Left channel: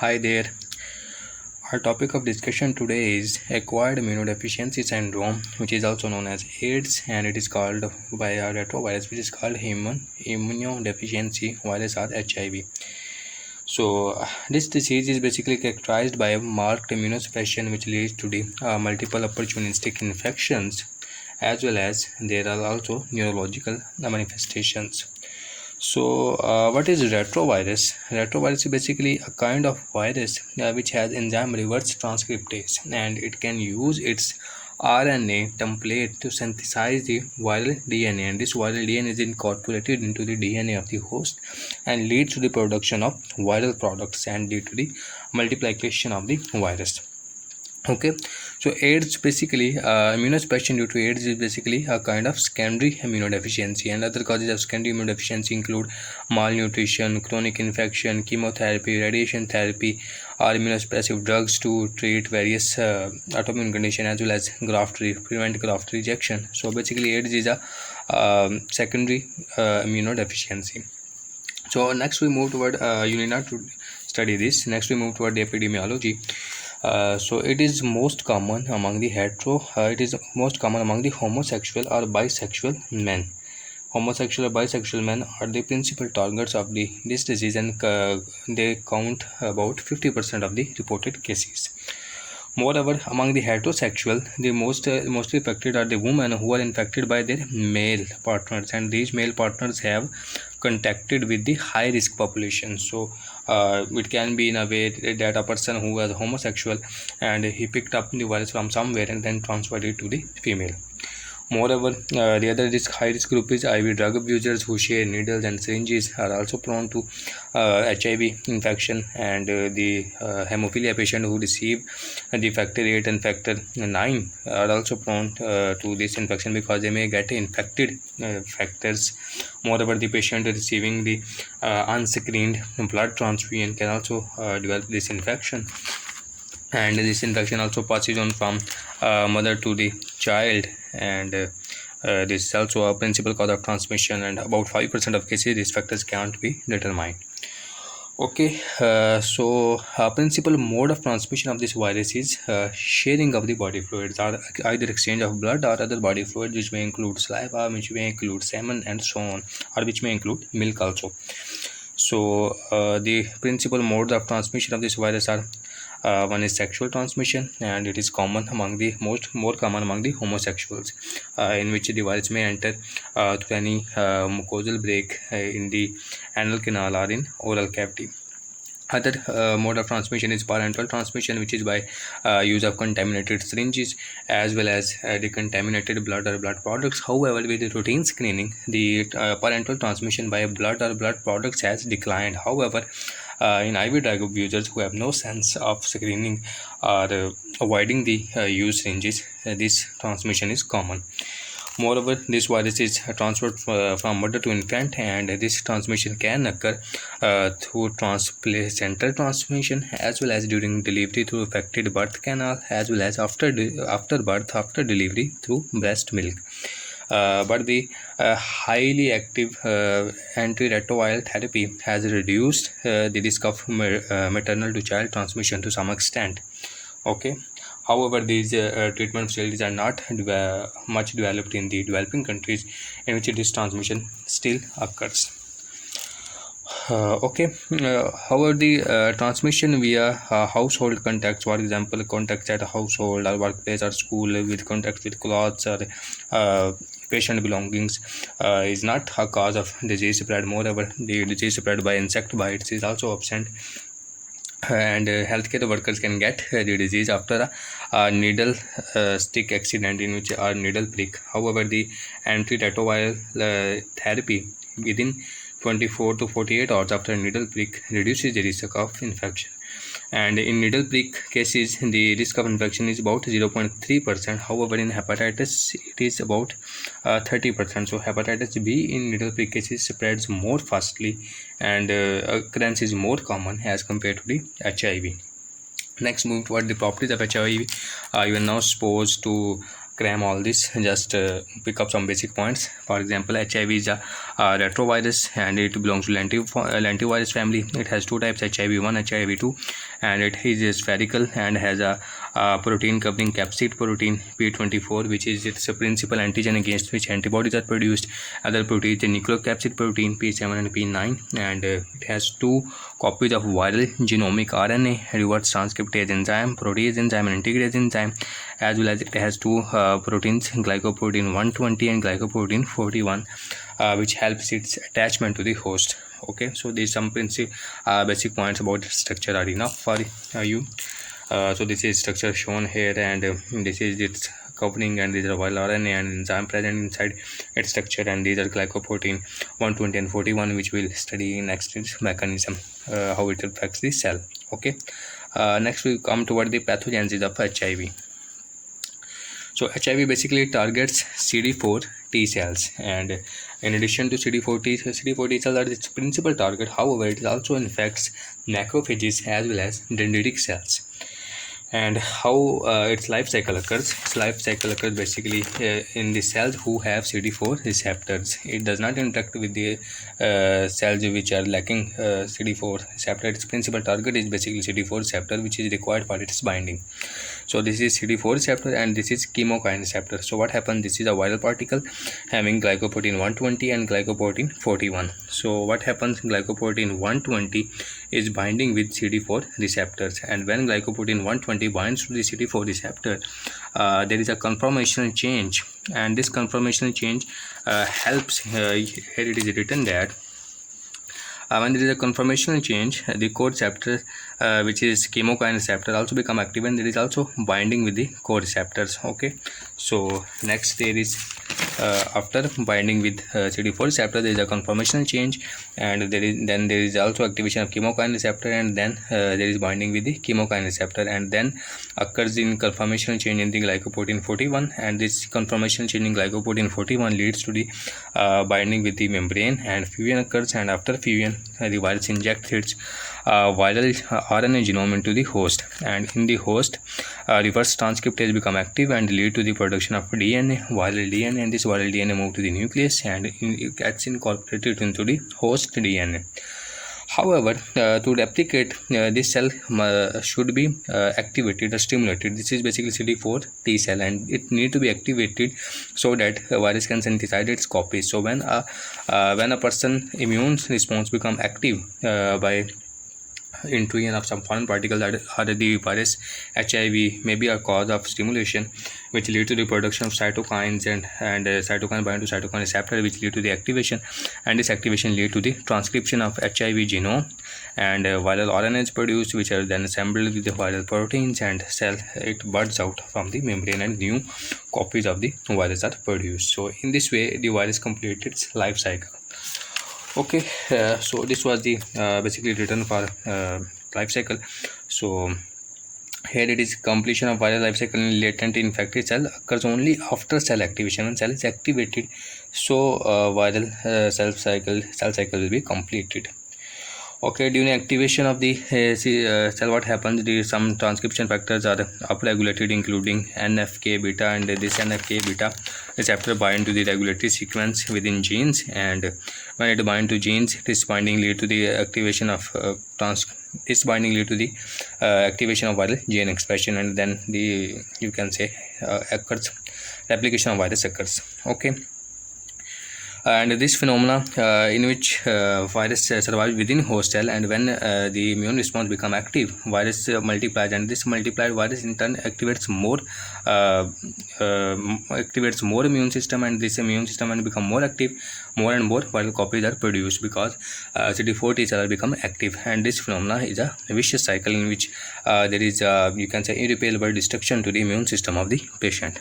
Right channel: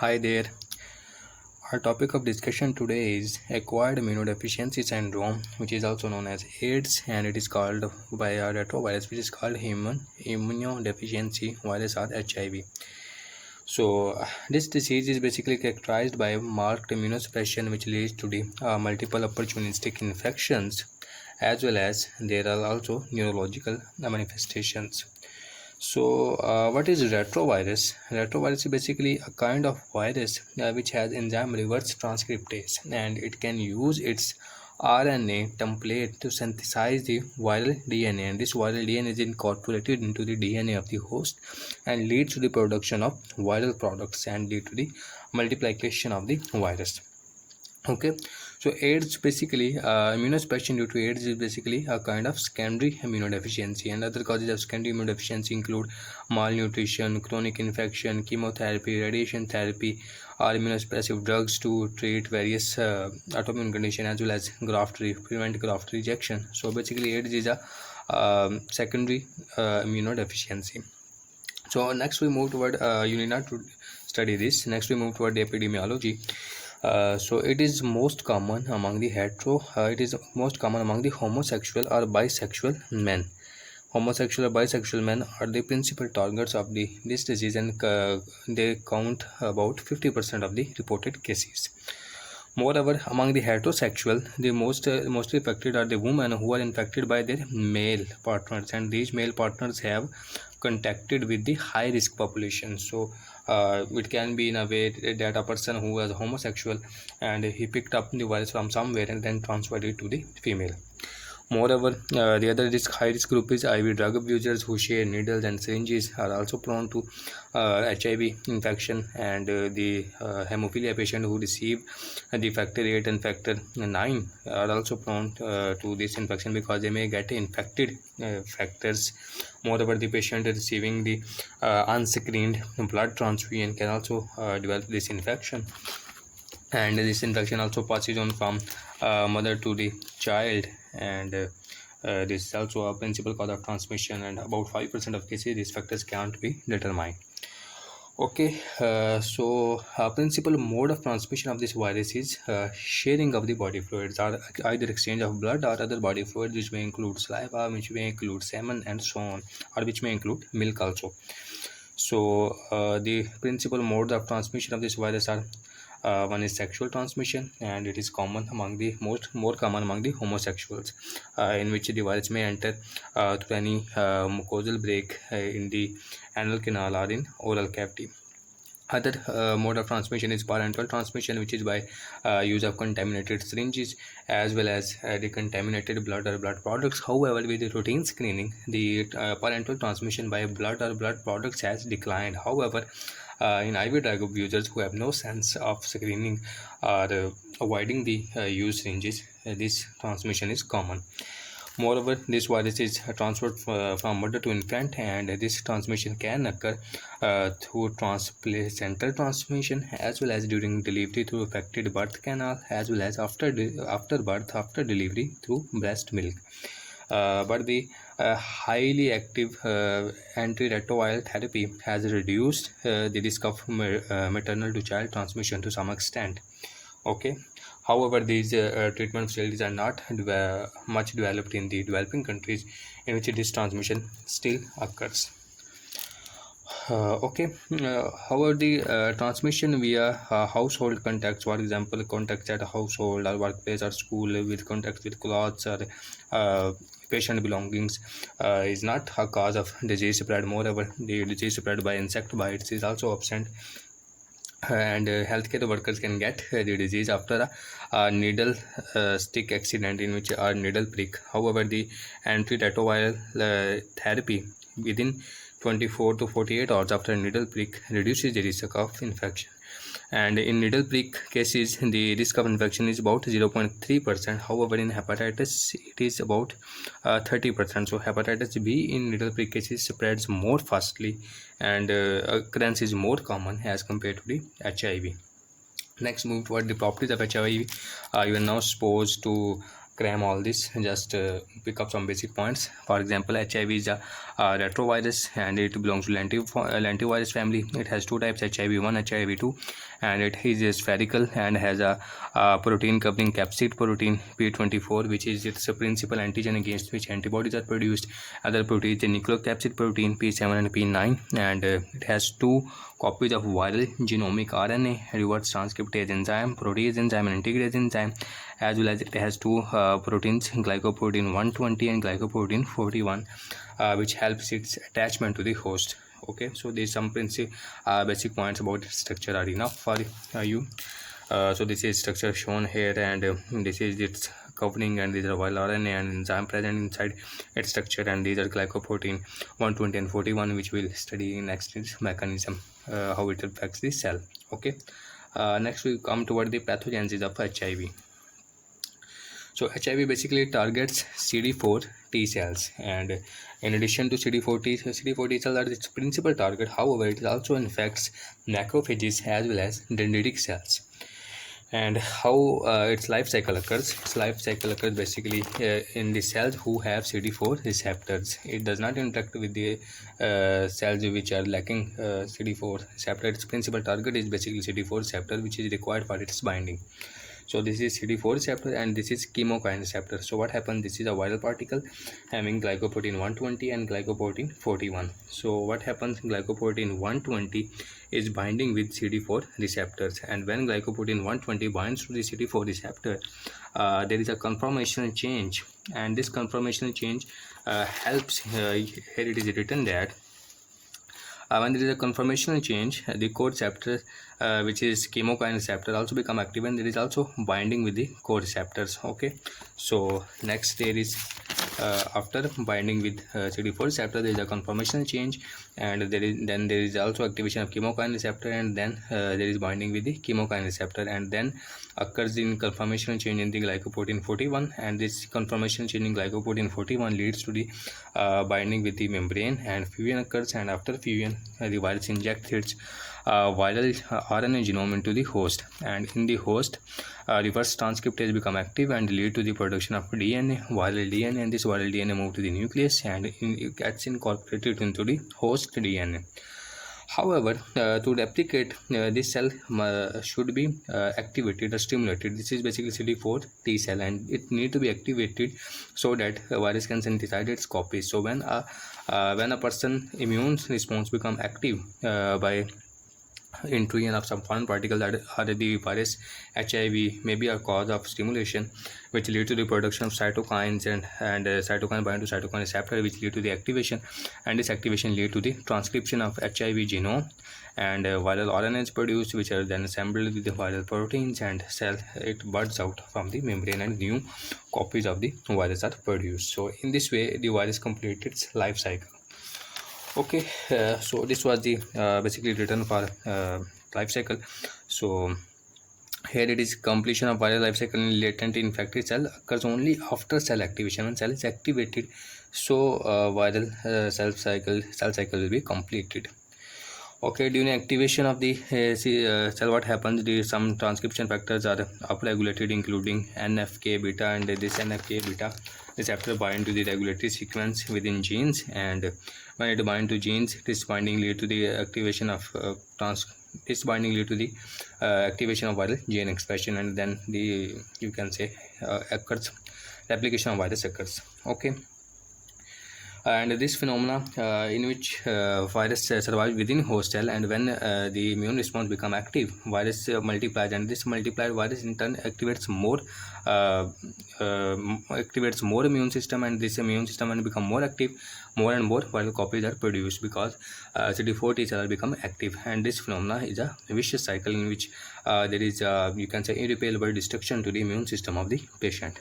Hi there. Our topic of discussion today is acquired immunodeficiency syndrome, which is also known as AIDS, and it is called by a retrovirus, which is called human immunodeficiency virus or HIV. So, this disease is basically characterized by marked immunosuppression, which leads to the multiple opportunistic infections, as well as there are also neurological manifestations. So, what is retrovirus? Retrovirus is basically a kind of virus which has enzyme reverse transcriptase, and it can use its RNA template to synthesize the viral DNA, and this viral DNA is incorporated into the DNA of the host and leads to the production of viral products and lead to the multiplication of the virus. Okay, so AIDS basically immunosuppression due to AIDS is basically a kind of secondary immunodeficiency, and other causes of secondary immunodeficiency include malnutrition, chronic infection, chemotherapy, radiation therapy, or immunosuppressive drugs to treat various autoimmune condition, as well as prevent graft rejection. So basically AIDS is a secondary immunodeficiency. So next we move toward you need not to study this. Next we move toward the epidemiology. So it is most common among the homosexual or bisexual men. Homosexual or bisexual men are the principal targets of this disease, and they count about 50% of the reported cases. Moreover, among the heterosexual, the mostly affected are the women who are infected by their male partners, and these male partners have contacted with the high risk population. So it can be in a way that a person who was homosexual and he picked up the virus from somewhere and then transferred it to the female. Moreover, the other high risk group is IV drug abusers who share needles and syringes are also prone to HIV infection, and the hemophilia patient who receive the factor 8 and factor 9 are also prone to this infection because they may get infected factors. Moreover, the patient receiving the unscreened blood transfusion can also develop this infection, and this infection also passes on from mother to the child, and this is also a principal cause of transmission, and about 5% of cases these factors can't be determined. Okay, so principal mode of transmission of this virus is sharing of the body fluids, or either exchange of blood or other body fluids, which may include saliva, which may include semen, and so on, or which may include milk also. So the principal modes of transmission of this virus are one is sexual transmission, and it is common among the more common among the homosexuals, in which the virus may enter through any mucosal break in the anal canal or in oral cavity. Other mode of transmission is parental transmission, which is by use of contaminated syringes as well as the contaminated blood or blood products. However, with the routine screening, the parental transmission by blood or blood products has declined. However, in IV drug abusers who have no sense of screening or avoiding the use syringes, this transmission is common. Moreover, this virus is transferred from mother to infant, and this transmission can occur through transplacental transmission, as well as during delivery through affected birth canal, as well as after birth, after delivery through breast milk. But the highly active antiretroviral therapy has reduced the risk of maternal to child transmission to some extent. Okay. However, these treatment facilities are not much developed in the developing countries, in which this transmission still occurs. However, the transmission via household contacts, for example, contacts at a household or workplace or school, with contacts with clothes or patient belongings, is not a cause of disease spread. Moreover, the disease spread by insect bites is also absent, and healthcare workers can get the disease after a needle stick accident, in which a needle prick. However, the antiretroviral therapy within 24 to 48 hours after a needle prick reduces the risk of infection, and in needle prick cases the risk of infection is about 0.3%. However, in hepatitis it is about 30%. So hepatitis B in needle prick cases spreads more fastly, and occurrence is more common as compared to the HIV. Next, move toward the properties of HIV. You are now supposed to cram all this, just pick up some basic points. For example, HIV is a retrovirus and it belongs to lentivirus family. It has two types, HIV1, HIV2, and it is spherical and has a protein covering capsid protein P24, which is its principal antigen against which antibodies are produced. Other protein is the nucleocapsid protein P7 and P9, and it has two copies of viral genomic RNA, reverse transcriptase enzyme, protease enzyme, and integrase enzyme, as well as it has two proteins, glycoprotein 120 and glycoprotein 41, which helps its attachment to the host. Okay, so these some basic points about its structure are enough for you. So this is structure shown here, and this is its covering, and these are viral RNA and enzyme present inside its structure, and these are glycoprotein 120 and 41, which we'll study in next mechanism, how it affects the cell. Okay, next we come toward the pathogenesis of HIV. So HIV basically targets CD4 T cells, and in addition to CD4 T cells are its principal target. However, it also infects macrophages as well as dendritic cells. And how its life cycle occurs? Its life cycle occurs basically in the cells who have CD4 receptors. It does not interact with the cells which are lacking CD4 receptor. Its principal target is basically CD4 receptor, which is required for its binding. So this is CD4 receptor and this is chemokine receptor. So what happens? This is a viral particle having glycoprotein 120 and glycoprotein 41. So what happens? Glycoprotein 120 is binding with CD4 receptors, and when glycoprotein 120 binds to the CD4 receptor, there is a conformational change, and this conformational change helps, here it is written that when there is a conformational change, the co-receptor, which is chemokine receptor, also become active, and there is also binding with the co-receptors. Okay, so next there is after binding with CD4 receptor, there is a conformational change, and there is also activation of chemokine receptor, and then there is binding with the chemokine receptor, and then occurs in conformational change in the glycoprotein 41, and this conformational change in glycoprotein 41 leads to the binding with the membrane, and fusion occurs, and after fusion the virus injects its viral RNA genome into the host, and in the host reverse transcriptase become active and lead to the production of DNA, viral DNA, and this viral DNA move to the nucleus and it gets incorporated into the host DNA. However, to replicate, this cell should be activated or stimulated. This is basically CD4 T cell, and it need to be activated so that a virus can synthesize its copies. So when a person immune response become active by intrusion of some foreign particles or the virus, HIV may be a cause of stimulation, which lead to the production of cytokines, and cytokine bind to cytokine receptor, which lead to the activation, and this activation lead to the transcription of HIV genome, and viral RNA is produced, which are then assembled with the viral proteins, and cell it buds out from the membrane, and new copies of the virus are produced. So in this way the virus completes its life cycle. Okay, so this was the basically written for life cycle. So here it is, completion of viral life cycle in latent infected cell occurs only after cell activation. When cell is activated, so viral cell cycle will be completed. Okay, during activation of the cell, what happens? Some transcription factors are upregulated, including NFK beta, and this NFK beta receptor bind to the regulatory sequence within genes, and when it bind to genes, this binding lead to the activation of activation of viral gene expression, and then you can say occurs replication of virus occurs. Okay. And this phenomena in which virus survives within host cell, and when the immune response become active, virus multiplies, and this multiplied virus in turn activates more immune system, and this immune system when become more active, more and more viral copies are produced because CD4 T cells become active, and this phenomena is a vicious cycle in which there is you can say irreparable destruction to the immune system of the patient.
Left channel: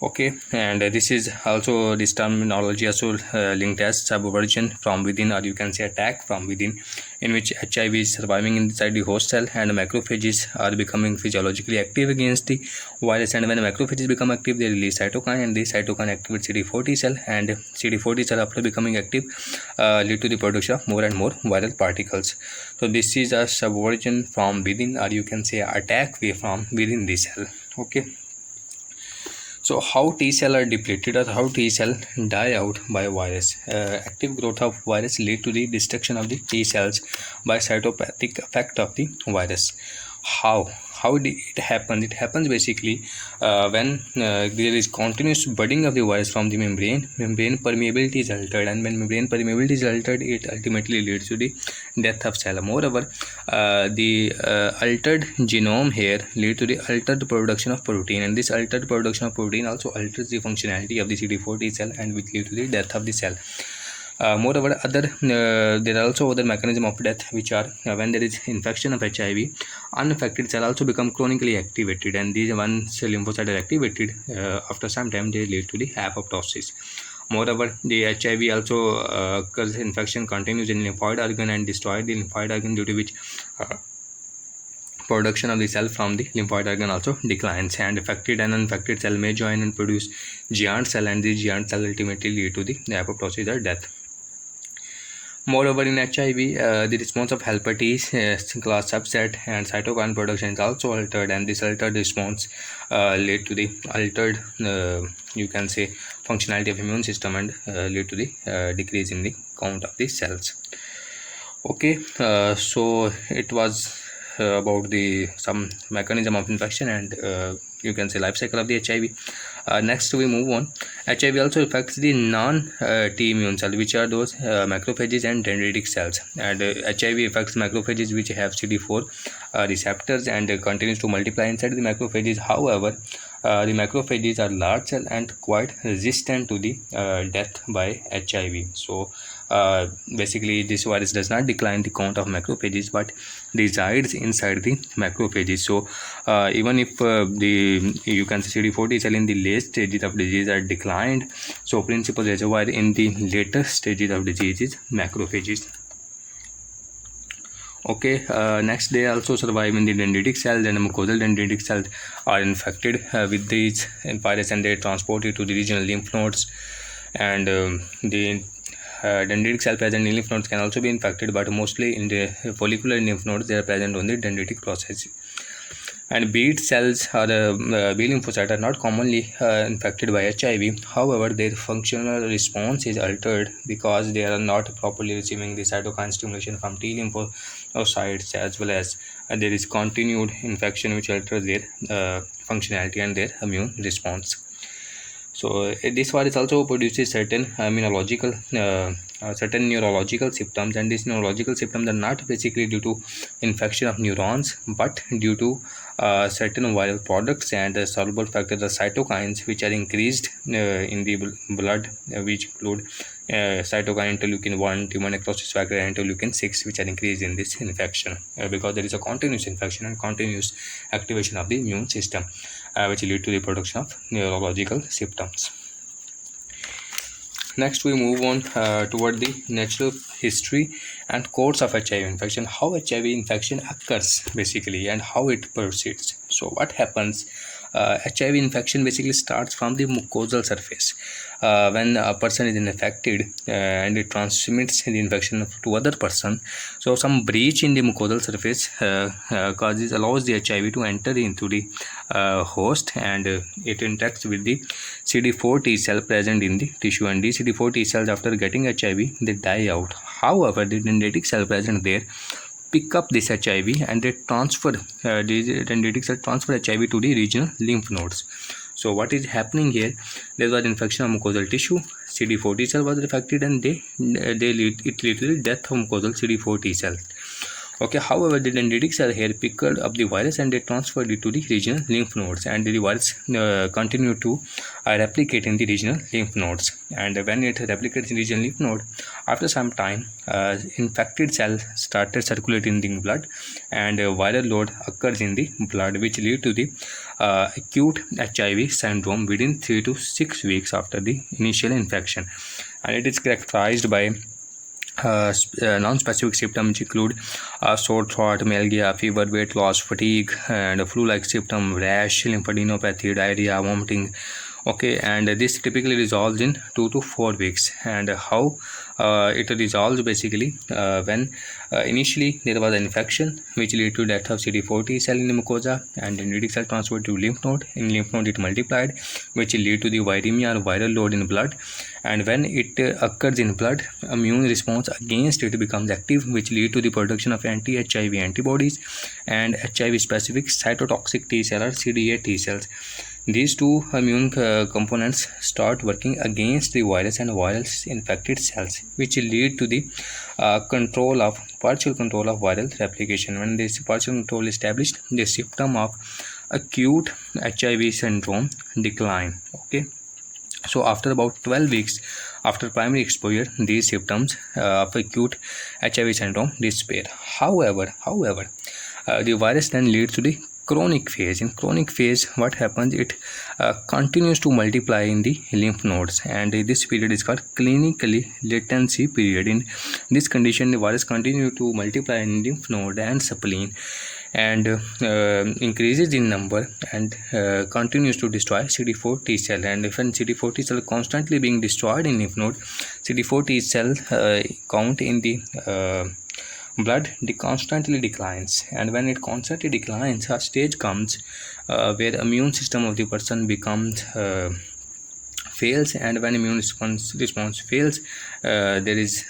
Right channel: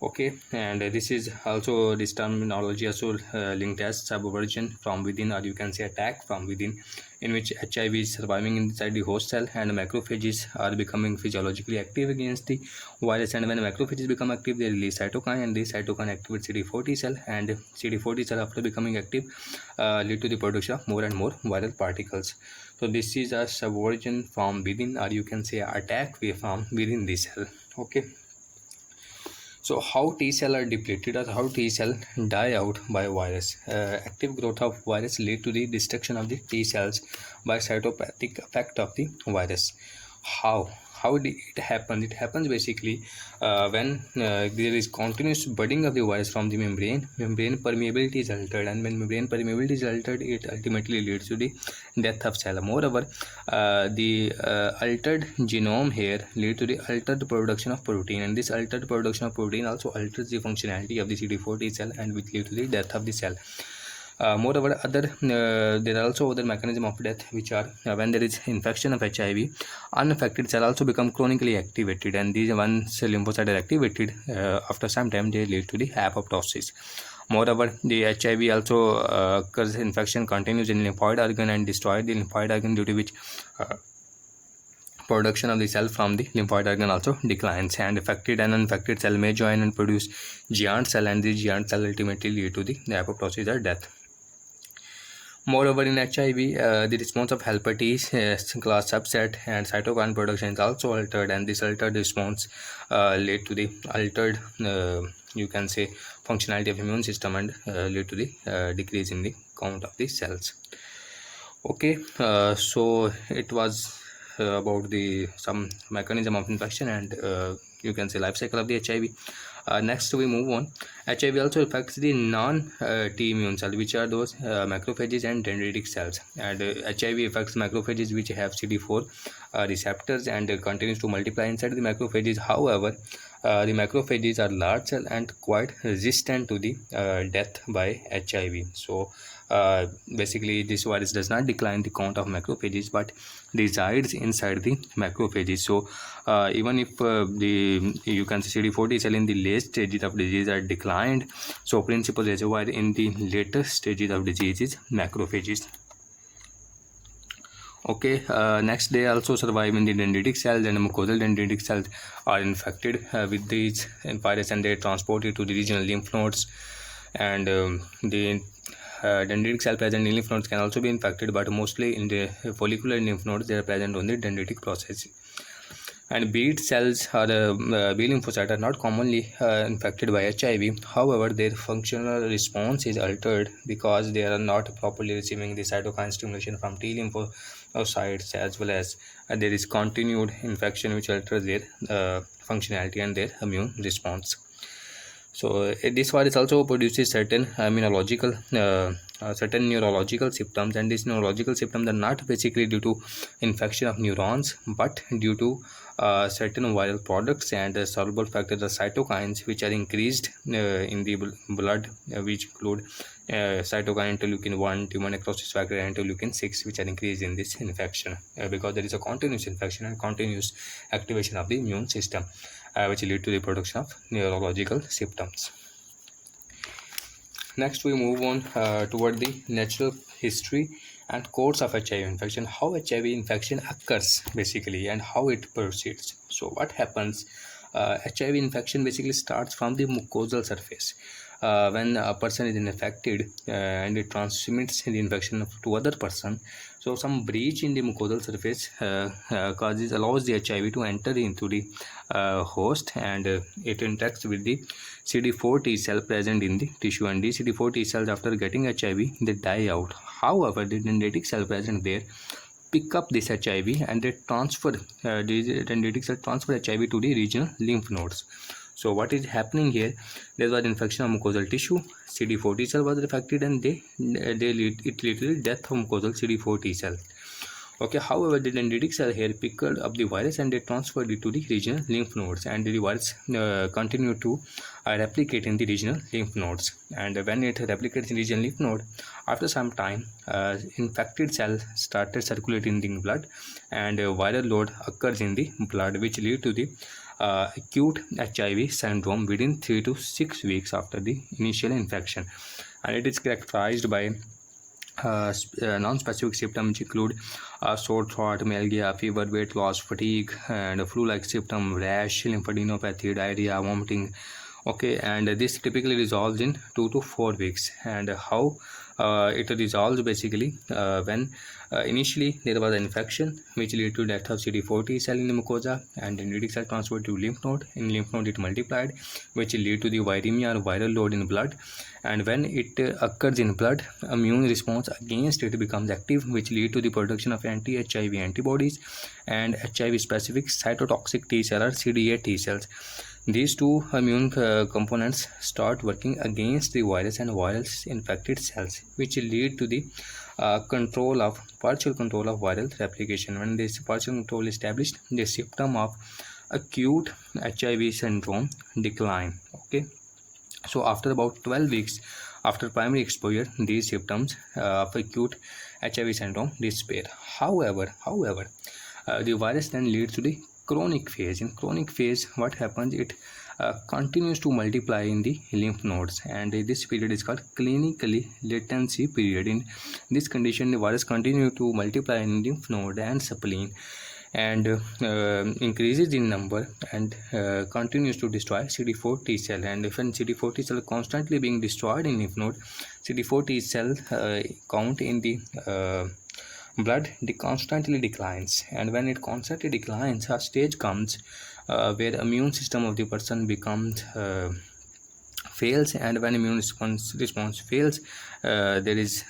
Okay, and this is also, this terminology also linked as subversion from within, or you can say attack from within, in which HIV is surviving inside the host cell, and macrophages are becoming physiologically active against the virus, and when macrophages become active, they release cytokine, and this cytokine activates CD4 T cell, and CD4 T cell after becoming active lead to the production of more and more viral particles. So this is a subversion from within, or you can say attack from within the cell. Okay. So how T cell are depleted or how T cell die out by virus? Active growth of virus lead to the destruction of the T cells by cytopathic effect of the virus. How did it happen? It happens basically when there is continuous budding of the virus from the membrane. Membrane permeability is altered, and when membrane permeability is altered, it ultimately leads to the death of cell. Moreover, the altered genome here lead to the altered production of protein, and this altered production of protein also alters the functionality of the CD4 T cell and which lead to the death of the cell. Moreover, there are also other mechanism of death which are when there is infection of HIV, unaffected cell also become chronically activated, and these once lymphocytes are activated, after some time they lead to the apoptosis. Moreover, the HIV also occurs infection continues in lymphoid organ and destroy the lymphoid organ, due to which production of the cell from the lymphoid organ also declines, and affected and unaffected cell may join and produce giant cell, and these giant cell ultimately lead to the apoptosis or death. Moreover, in HIV, the response of helper T class subset and cytokine production is also altered, and this altered response lead to the altered, you can say, functionality of immune system and lead to the decrease in the count of the cells. Okay, so it was about the some mechanism of infection and you can say life cycle of the HIV. Next we move on. HIV also affects the non-T immune cells, which are those macrophages and dendritic cells, and HIV affects macrophages which have CD4 receptors and continues to multiply inside the macrophages. However, the macrophages are large cell and quite resistant to the death by HIV. So basically this virus does not decline the count of macrophages but resides inside the macrophages. So even if you can say CD4 T cell in the late stages of disease are declined, so principal reservoir in the later stages of disease is macrophages. Okay, next they also survive in the dendritic cells, and mucosal dendritic cells are infected with these virus and they transport it to the regional lymph nodes, and the dendritic cell present in lymph nodes can also be infected, but mostly in the follicular lymph nodes they are present on the dendritic process. And B cells or B lymphocytes are not commonly infected by HIV. However, their functional response is altered because they are not properly receiving the cytokine stimulation from T lymphocytes, as well as there is continued infection which alters their functionality and their immune response. So this virus also produces certain neurological symptoms, and these neurological symptoms are not basically due to infection of neurons but due to certain viral products and soluble factors or cytokines which are increased in the blood, which include cytokine interleukin 1, tumor necrosis factor, and interleukin 6, which are increased in this infection because there is a continuous infection and continuous activation of the immune system, which lead to the production of neurological symptoms. Next we move on toward the natural history and course of HIV infection, how HIV infection occurs basically and how it proceeds. So what happens, HIV infection basically starts from the mucosal surface. When a person is infected and it transmits the infection to other person, so some breach in the mucosal surface allows the HIV to enter into the host, and it interacts with the CD4 T cell present in the tissue, and these CD4 T cells, after getting HIV, they die out. However, the dendritic cell present there pick up this HIV and they transfer these dendritic cells transfer HIV to the regional lymph nodes. So what is happening here? There was infection of mucosal tissue, CD4 T cell was affected, and it led to the death of mucosal CD4 T cell. Okay, however, the dendritic cell here picked up the virus and they transferred it to the regional lymph nodes, and the virus continued to replicate in the regional lymph nodes. And when it replicates in the regional lymph node, after some time, infected cells started circulating in the blood, and viral load occurs in the blood, which lead to the acute HIV syndrome within 3 to 6 weeks after the initial infection, and it is characterized by non-specific symptoms which include sore throat, myalgia, fever, weight loss, fatigue, and flu-like symptom, rash, lymphadenopathy, diarrhea, vomiting. Okay, and this typically resolves in 2 to 4 weeks. And how it resolves basically when Initially, there was an infection which led to death of CD4 T cell in the mucosa, and dendritic cell transferred to lymph node. In lymph node, it multiplied, which led to the viremia or viral load in blood. And when it occurs in blood, immune response against it becomes active, which lead to the production of anti-HIV antibodies and HIV-specific cytotoxic T cell or CD8 T cells. These two immune components start working against the virus and virus infected cells, which lead to the partial control of viral replication. When this partial control is established, the symptom of acute HIV syndrome decline. Okay, so after about 12 weeks after primary exposure, these symptoms of acute HIV syndrome disappear. However, the virus then leads to the chronic phase. In chronic phase, what happens? It continues to multiply in the lymph nodes, and this period is called clinically latency period. In this condition, the virus continues to multiply in lymph node and spleen, and increases in number, and continues to destroy CD4 T cell. And if CD4 T cell constantly being destroyed in lymph node, CD4 T cell count in the blood constantly declines, and when it constantly declines, a stage comes where immune system of the person becomes fails. And when immune response fails, there is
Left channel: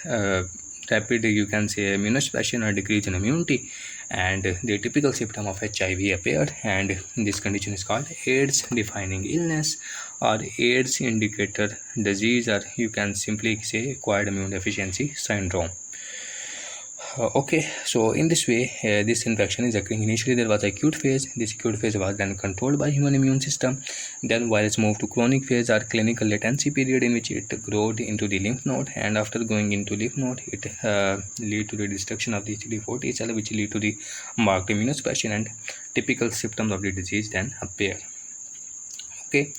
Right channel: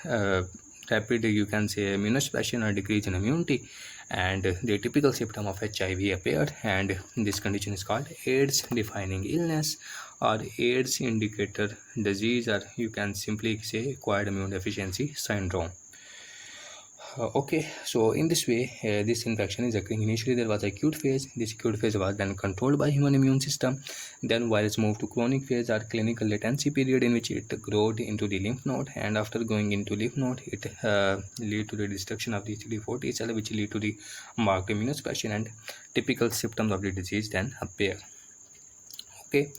rapid, you can say, immunosuppression or decrease in immunity, and the typical symptom of HIV appeared, and this condition is called AIDS defining illness or AIDS indicator disease, or you can simply say acquired immune deficiency syndrome. Okay, so in this way, this infection is occurring. Initially, there was acute phase. This acute phase was then controlled by human immune system. Then virus moved to chronic phase or clinical latency period, in which it grew into the lymph node. And after going into lymph node, it lead to the destruction of the CD4 T cell, which lead to the marked immunosuppression, and typical symptoms of the disease then appear. Okay,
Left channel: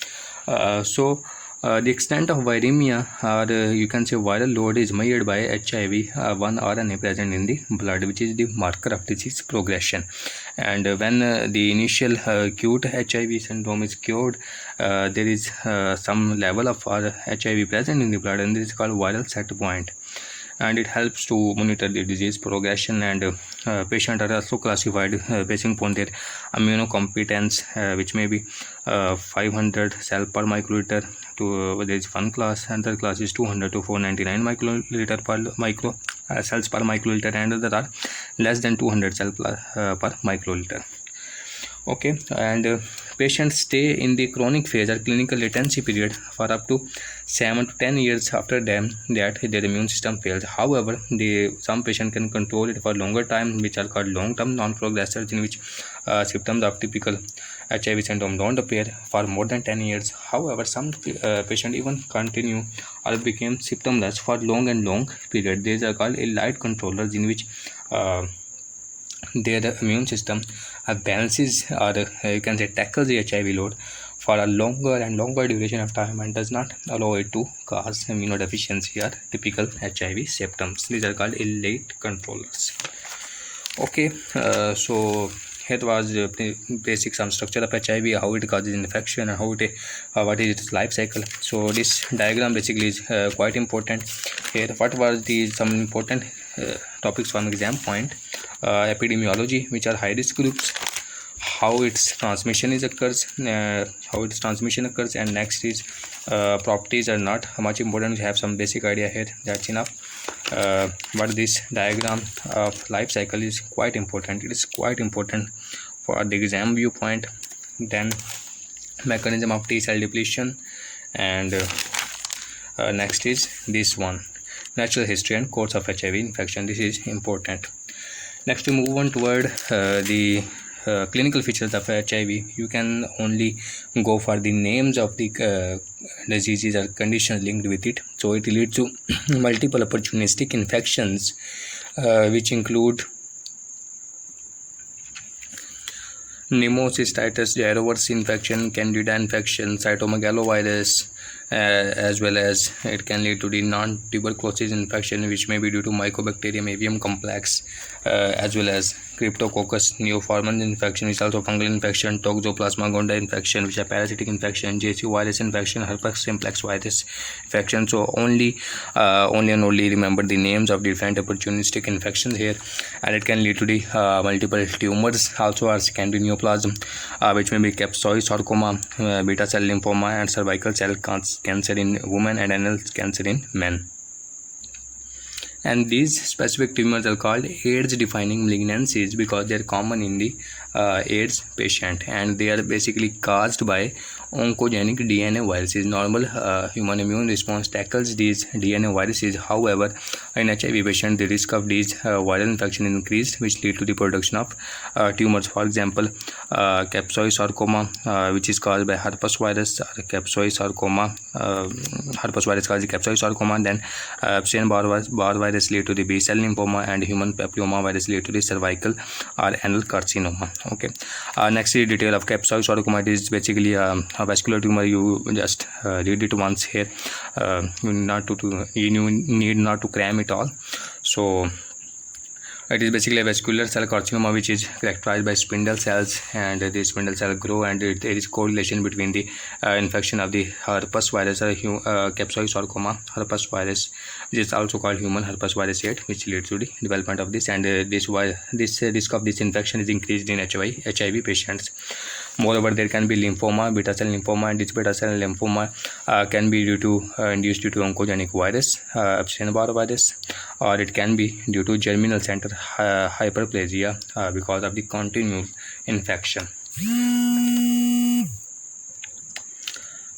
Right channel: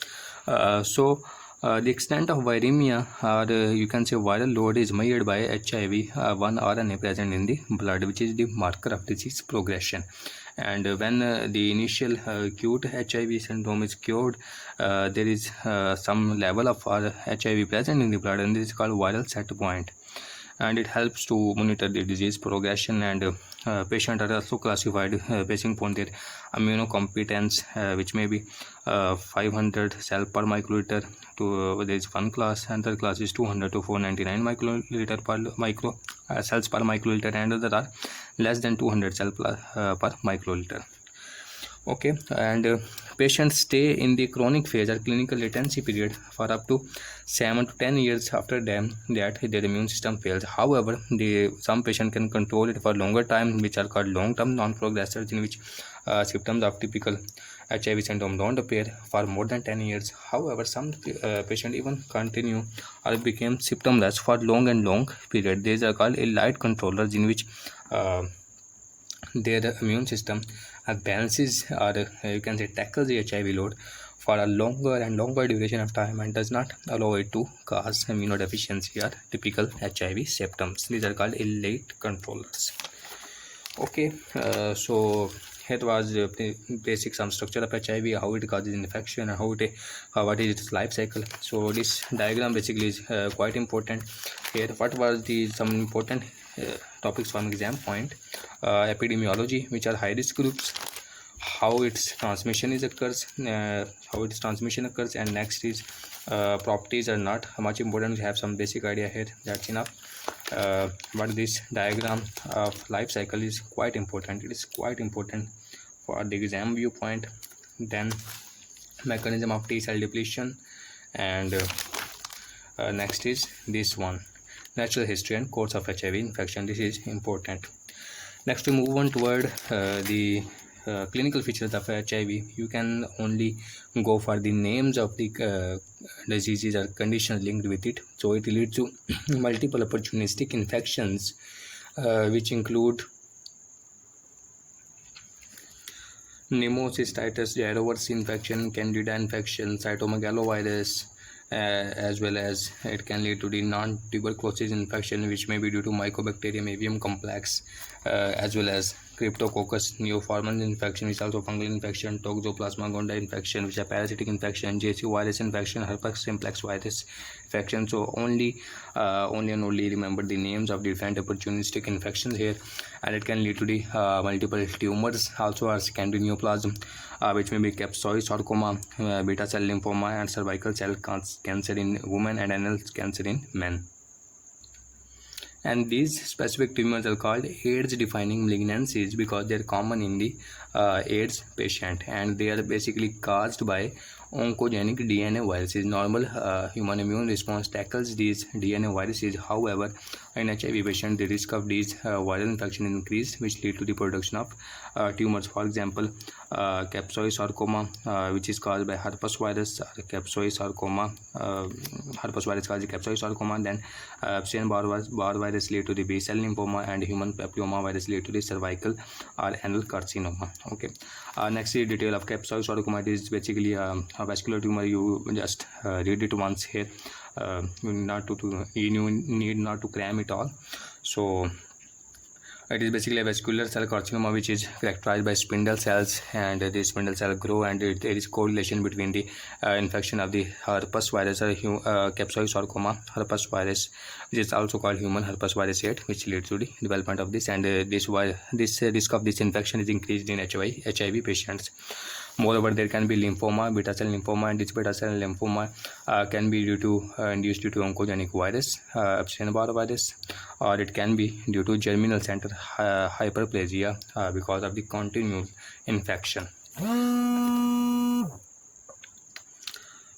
the extent of viremia, or you can say viral load, is measured by HIV-1 RNA present in the blood, which is the marker of disease progression. And when the initial acute HIV syndrome is cured, there is some level of HIV present in the blood, and this is called viral set point, and it helps to monitor the disease progression. And patients are also classified based upon their immunocompetence, which may be 500 cell per microliter to there is one class, another class is 200 to 499 microliter per cells per microliter, and other are less than 200 cell per microliter. Okay, and patients stay in the chronic phase or clinical latency period for up to 7 to 10 years after them that their immune system fails. However, some patient can control it for longer time, which are called long-term non-progressors, in which symptoms of typical HIV syndrome don't appear for more than 10 years. However, some patient even continue or became symptomless for long period. These are called elite controllers, in which their immune system balances, or you can say tackles, the HIV load for a longer duration of time, and does not allow it to cause immunodeficiency or typical HIV symptoms. These are called elite controllers. Okay, so here was the basic some structure of HIV, how it causes infection, and what is its life cycle. So this diagram basically is quite important. Here, what was some important topics from exam point: epidemiology, which are high risk groups, how its transmission occurs, and next is properties are not much important. We have some basic idea here, that's enough. But this diagram of life cycle is quite important. It is quite important for the exam viewpoint. Then mechanism of T cell depletion, and next is this one, natural history and course of HIV infection. This is important. Next, we move on toward the clinical features of HIV. You can only go for the names of the diseases or conditions linked with it. So it leads to multiple opportunistic infections, which include pneumocystitis, gyrovirus infection, candida infection, cytomegalovirus, as well as it can lead to the non-tuberculosis infection, which may be due to Mycobacterium avium complex, as well as Cryptococcus neoformans infection, which is also fungal infection, Toxoplasma gondii infection, which are parasitic infection, JC virus infection, herpes simplex virus infection. So only and only remember the names of different opportunistic infections here, and it can lead to the multiple tumors also, or secondary neoplasm, which may be capsulosarcoma, beta cell lymphoma, and cervical cell cancer in women, and anal cancer in men. And these specific tumors are called AIDS defining malignancies because they are common in the AIDS patient, and they are basically caused by oncogenic DNA viruses. Normal human immune response tackles these DNA viruses. However, in HIV patient, the risk of these viral infection increased, which lead to the production of tumors. For example, capsulosarcoma, which is caused by herpes virus, capsulosarcoma, herpes virus causes capsulosarcoma. Then Epstein-Barr virus lead to the B cell lymphoma, and human papilloma virus lead to the cervical or anal carcinoma. Okay. Next is detail of capsulosarcoma. It is basically a vascular tumor. You just read it once here. You need not to cram it all. So it is basically a vascular cell carcinoma, which is characterized by spindle cells, and the spindle cell grow, and there is correlation between the infection of the herpes virus or capsulosarcoma herpes virus, which is also called human herpes virus 8, which leads to the development of this, and this risk of this infection is increased in HIV patients. Moreover, there can be lymphoma, beta cell lymphoma, and this beta cell lymphoma can be induced due to oncogenic virus, Epstein-Barr virus, or it can be due to germinal center hyperplasia because of the continued infection.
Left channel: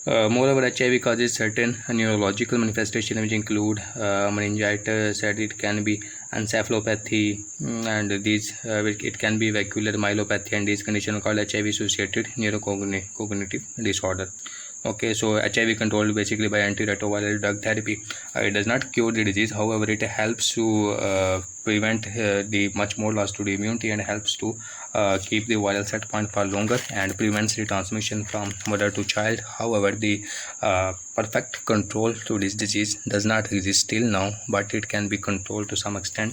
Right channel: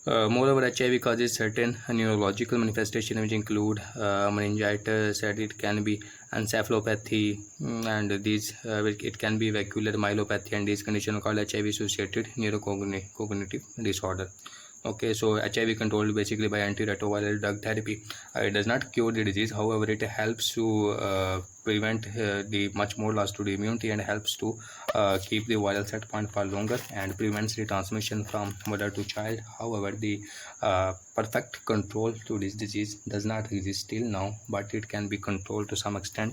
Moreover, HIV causes certain neurological manifestations, which include meningitis, and it can be encephalopathy, and these it can be vascular myelopathy, and these conditions are called HIV-associated neurocognitive disorder. Okay, so HIV controlled basically by antiretroviral drug therapy. It does not cure the disease, however, it helps to prevent the much more loss to the immunity, and helps to keep the viral set point for longer, and prevents the transmission from mother to child. However, the perfect control to this disease does not exist till now, but it can be controlled to some extent.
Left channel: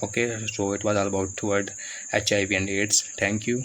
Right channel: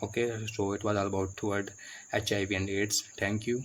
Okay, so it was all about toward HIV and AIDS. Thank you.